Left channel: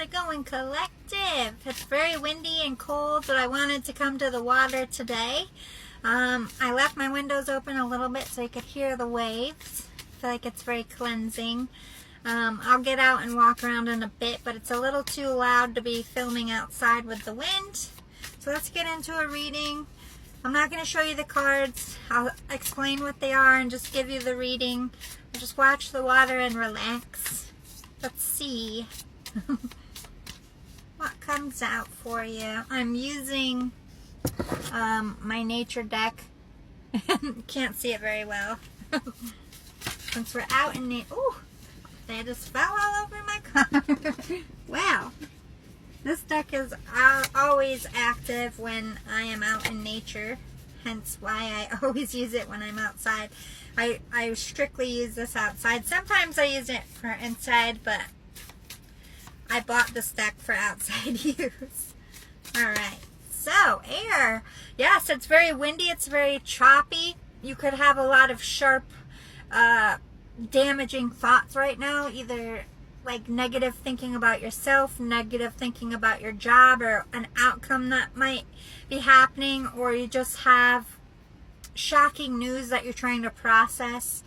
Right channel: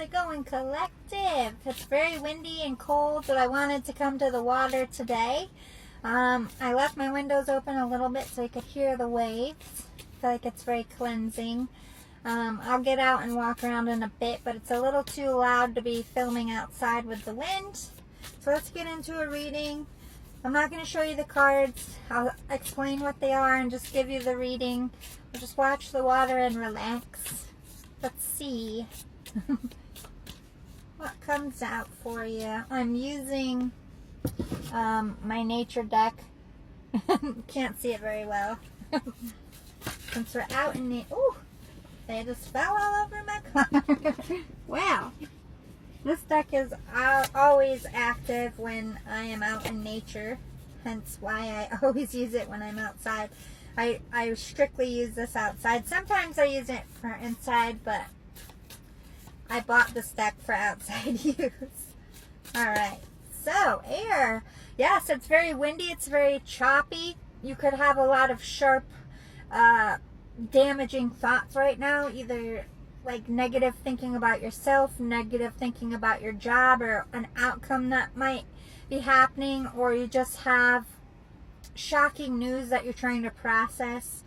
it going, collective? It's very windy and cold, but I wanted to come to the water today. I left my windows open a little bit so you could hear the waves. I feel like it's very cleansing. I'll get out and walk around in a bit, but it's a little too loud to be filming outside with the wind. So let's get into a reading. I'm not going to show you the cards. I'll explain what they are and just give you the reading. We'll just watch the water and relax. Let's see what comes out for you. I'm using my nature deck. Can't see it very well. Since we're out in nature. Ooh, they just fell all over my car. Wow. This deck is always active when I am out in nature, hence why I always use it when I'm outside. I strictly use this outside. Sometimes I use it for inside, but I bought this deck for outside use. Alright, so air. Yes, it's very windy, it's very choppy. You could have a lot of sharp, damaging thoughts right now, either like negative thinking about yourself, negative thinking about your job or an outcome that might be happening, or you just have shocking news that you're trying to process.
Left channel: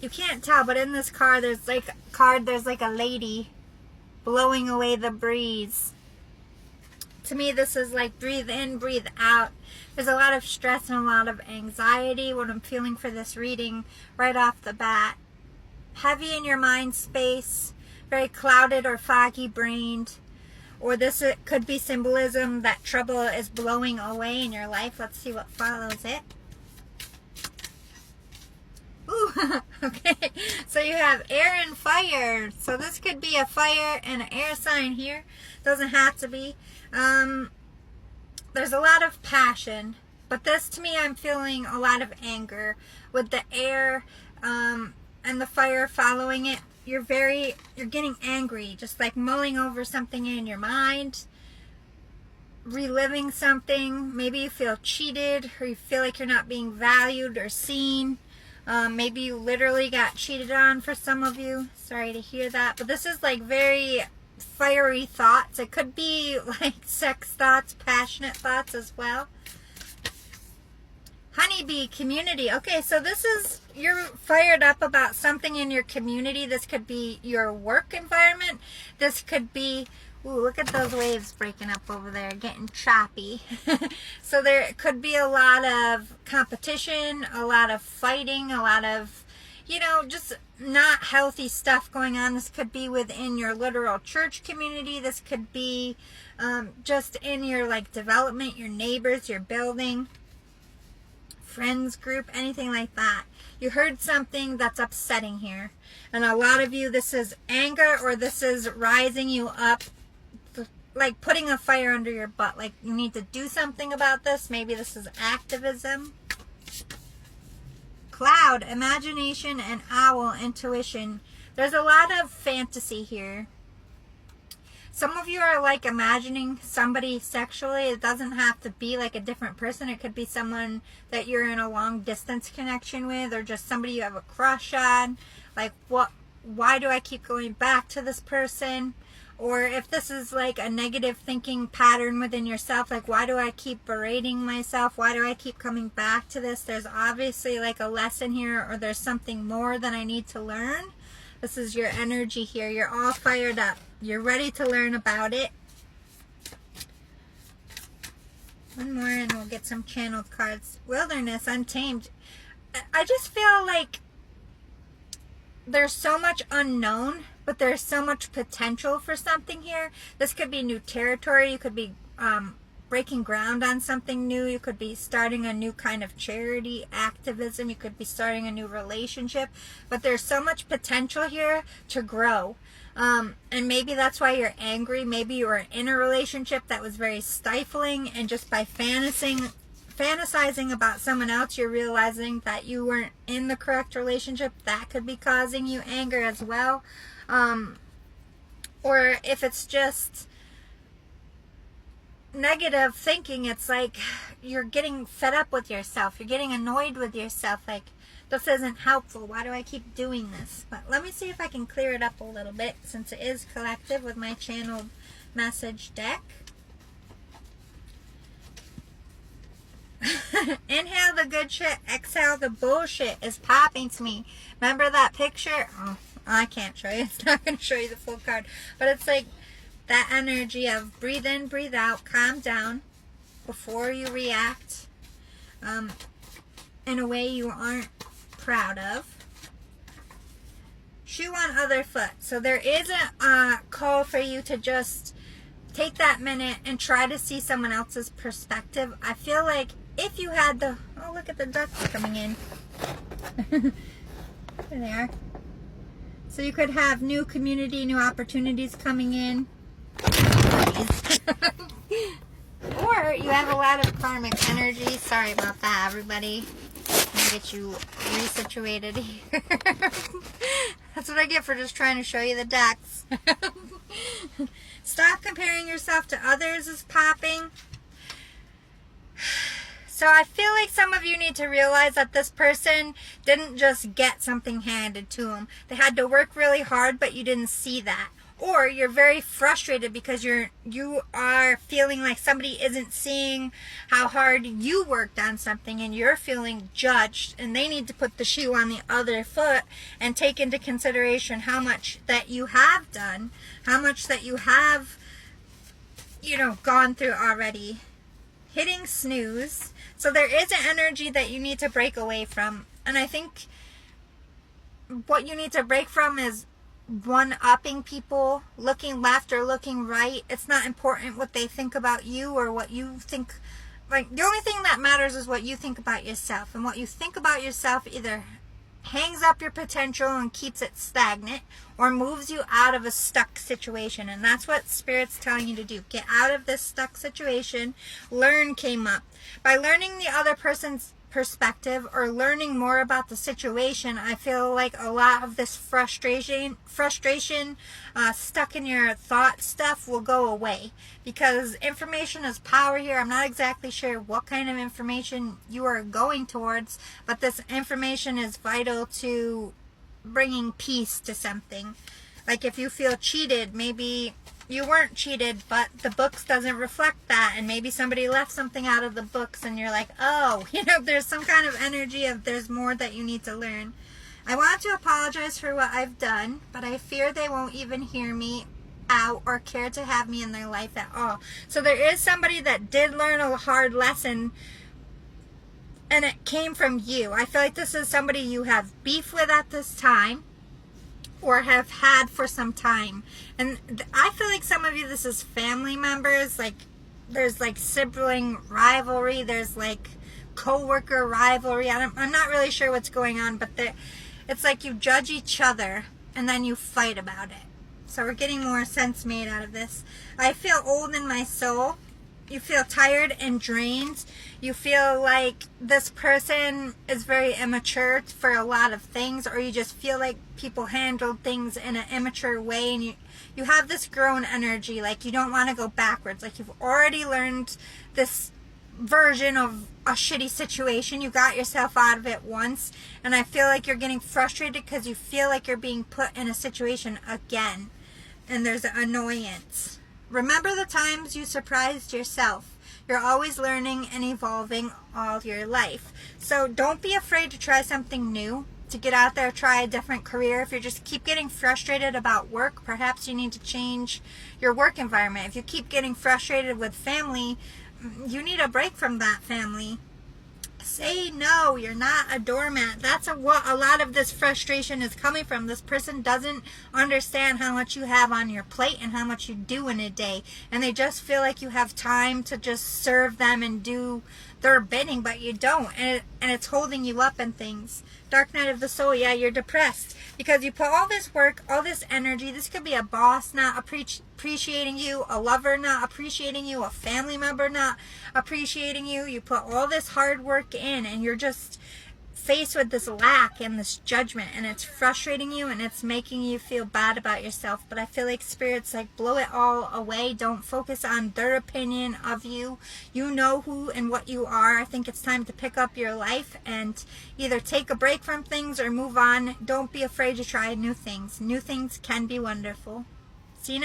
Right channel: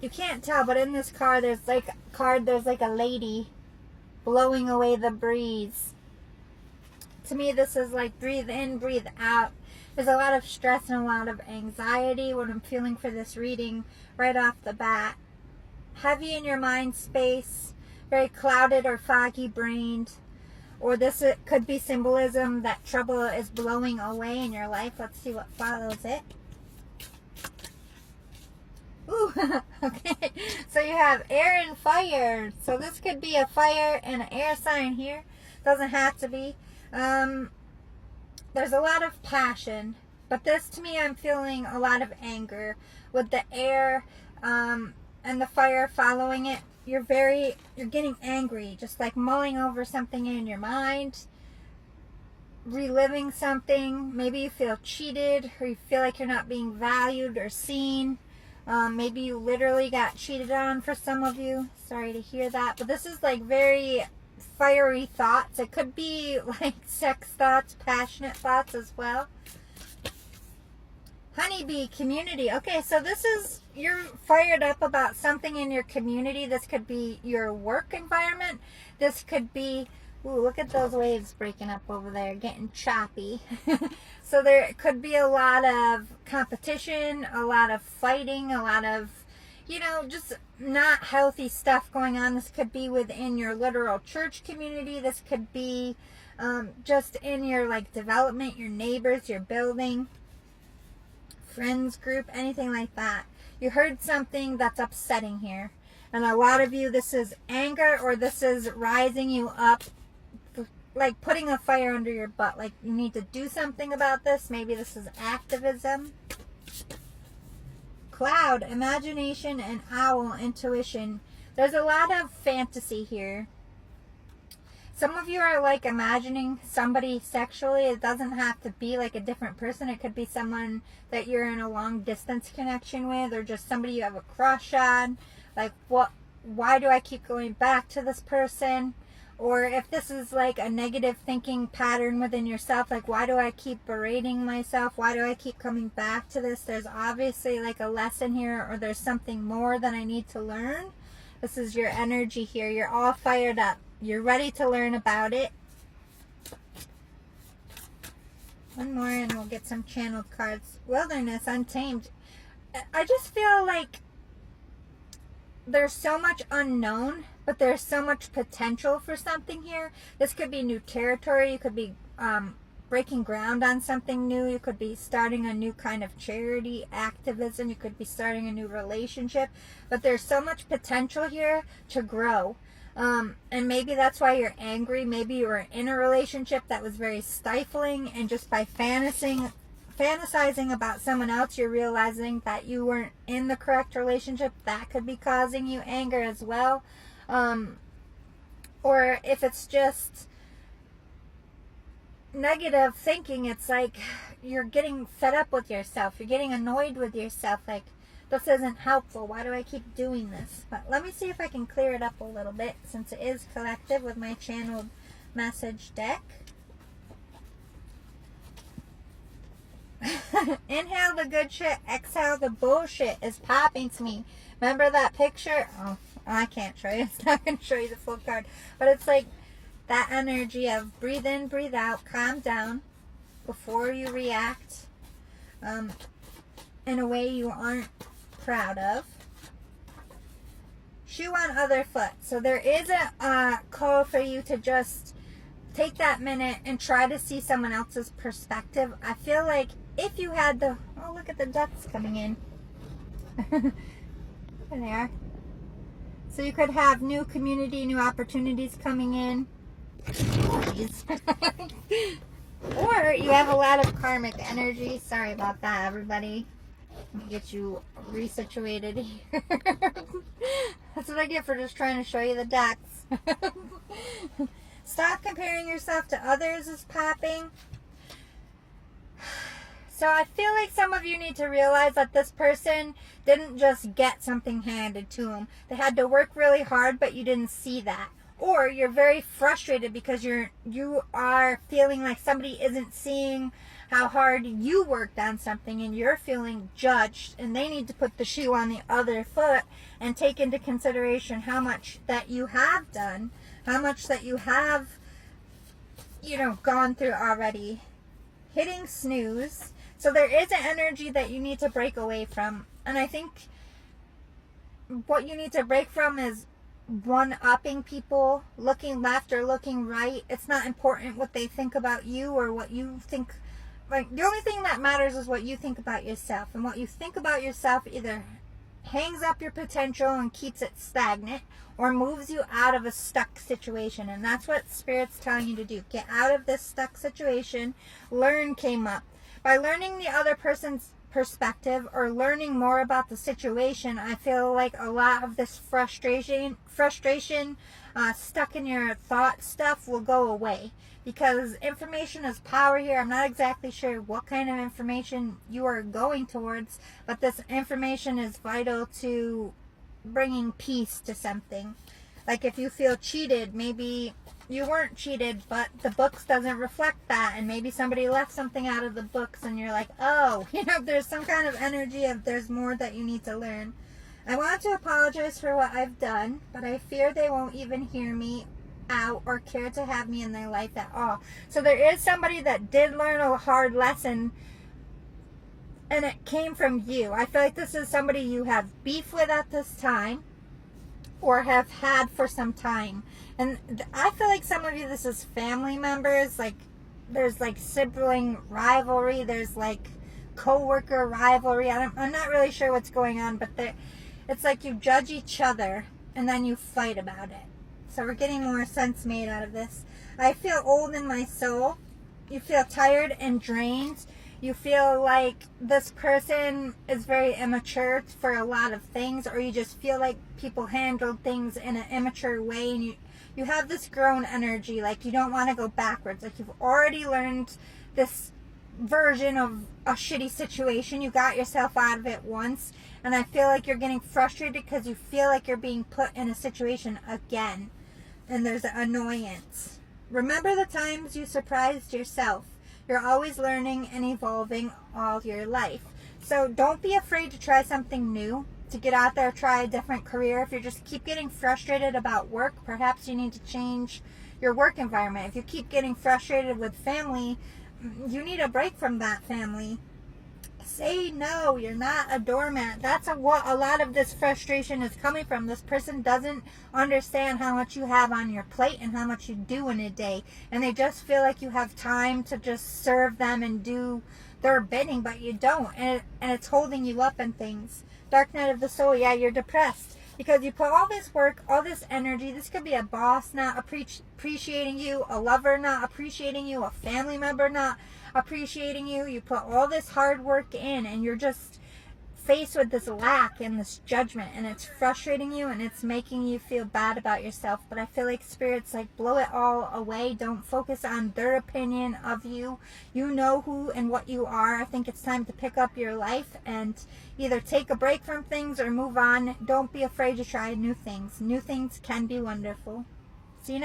You can't tell, but in this card there's like a lady blowing away the breeze. To me, this is like breathe in, breathe out. There's a lot of stress and a lot of anxiety, what I'm feeling for this reading right off the bat. Heavy in your mind space, very clouded or foggy brained, or this could be symbolism that trouble is blowing away in your life. Let's see what follows it. Ooh, okay, so you have air and fire. So this could be a fire and an air sign here. Doesn't have to be. There's a lot of passion, but this to me, I'm feeling a lot of anger with the air, and the fire following it. You're getting angry, just like mulling over something in your mind, reliving something. Maybe you feel cheated, or you feel like you're not being valued or seen. Maybe you literally got cheated on for some of you. Sorry to hear that, but this is like very fiery thoughts. It could be like sex thoughts, passionate thoughts as well. Honeybee community. Okay, so this is, you're fired up about something in your community. This could be your work environment. This could be, ooh, look at those waves breaking up over there, getting choppy. So there could be a lot of competition, a lot of fighting, a lot of, you know, just not healthy stuff going on. This could be within your literal church community. This could be just in your like development, your neighbors, your building, friends group, anything like that. You heard something that's upsetting here, and a lot of you, this is anger, or this is rising you up, like putting a fire under your butt, like you need to do something about this. Maybe this is activism. Cloud, imagination, and owl, intuition. There's a lot of fantasy here. Some of you are like imagining somebody sexually. It doesn't have to be like a different person. It could be someone that you're in a long distance connection with, or just somebody you have a crush on. Like, why do I keep going back to this person? Or if this is like a negative thinking pattern within yourself, like, why do I keep berating myself? Why do I keep coming back to this? There's obviously like a lesson here, or there's something more that I need to learn. This is your energy here. You're all fired up. You're ready to learn about it. One more and we'll get some channeled cards. Wilderness, untamed. I just feel like there's so much unknown, but there's so much potential for something here. This could be new territory. You could be breaking ground on something new. You could be starting a new kind of charity, activism. You could be starting a new relationship. But there's so much potential here to grow. And maybe that's why you're angry. Maybe you were in a relationship that was very stifling, and just by fantasizing about someone else, you're realizing that you weren't in the correct relationship. That could be causing you anger as well. Or if it's just negative thinking, it's like you're getting fed up with yourself. You're getting annoyed with yourself. Like, This isn't helpful. Why do I keep doing this? But let me see if I can clear it up a little bit, since it is collective with my channeled message deck. Inhale the good shit, exhale the bullshit is popping to me. Remember that picture? Oh, I can't show you. It's not going to show you the full card. But it's like that energy of breathe in, breathe out, calm down before you react in a way you aren't proud of. Shoe on other foot. So there is a call for you to just take that minute and try to see someone else's perspective. I feel like if you had the, oh, look at the ducks coming in. There they are. So you could have new community, new opportunities coming in. Or you have a lot of karmic energy. Sorry about that, everybody. Let me get you resituated here. That's what I get for just trying to show you the decks. Stop comparing yourself to others is popping. So I feel like some of you need to realize that this person didn't just get something handed to them. They had to work really hard, but you didn't see that. Or you're very frustrated because you are feeling like somebody isn't seeing how hard you worked on something, and you're feeling judged, and they need to put the shoe on the other foot and take into consideration how much that you have done, how much that you have, gone through already. Hitting snooze. So there is an energy that you need to break away from. And I think what you need to break from is one-upping people, looking left or looking right. It's not important what they think about you or what you think. Like, the only thing that matters is what you think about yourself. And what you think about yourself either hangs up your potential and keeps it stagnant, or moves you out of a stuck situation. And that's what Spirit's telling you to do. Get out of this stuck situation. Learn came up. By learning the other person's perspective or learning more about the situation, I feel like a lot of this frustration stuck in your thought stuff will go away, because information is power here. I'm not exactly sure what kind of information you are going towards, but this information is vital to bringing peace to something. Like if you feel cheated, maybe you weren't cheated, but the books doesn't reflect that, and maybe somebody left something out of the books and you're like, oh, there's some kind of energy of there's more that you need to learn. I want to apologize for what I've done, but I fear they won't even hear me out or care to have me in their life at all. So there is somebody that did learn a hard lesson, and it came from you. I feel like this is somebody you have beef with at this time, or have had for some time. And I feel like some of you, this is family members. Like there's like sibling rivalry, there's like co-worker rivalry. I'm not really sure what's going on, but it's like you judge each other and then you fight about it. So we're getting more sense made out of this. I feel old in my soul. You feel tired and drained. You feel like this person is very immature for a lot of things, or you just feel like people handled things in an immature way, and you have this grown energy, like you don't want to go backwards. Like you've already learned this version of a shitty situation. You got yourself out of it once, and I feel like you're getting frustrated because you feel like you're being put in a situation again, and there's an annoyance. Remember the times you surprised yourself. You're always learning and evolving all your life. So don't be afraid to try something new, to get out there, try a different career. If you just keep getting frustrated about work, perhaps you need to change your work environment. If you keep getting frustrated with family, you need a break from that family. Say no. You're not a doormat. That's what a lot of this frustration is coming from. This person doesn't understand how much you have on your plate and how much you do in a day, and they just feel like you have time to just serve them and do their bidding, but you don't, and it's holding you up and things. Dark night of the soul. Yeah, you're depressed because you put all this work, all this energy. This could be a boss not appreciating you, a lover not appreciating you, a family member not appreciating you. You put all this hard work in, and you're just faced with this lack and this judgment, and it's frustrating you and it's making you feel bad about yourself. But I feel like Spirit's like, blow it all away. Don't focus on their opinion of you. You know who and what you are. I think it's time to pick up your life and either take a break from things or move on. Don't be afraid to try new things. New things can be wonderful. See you next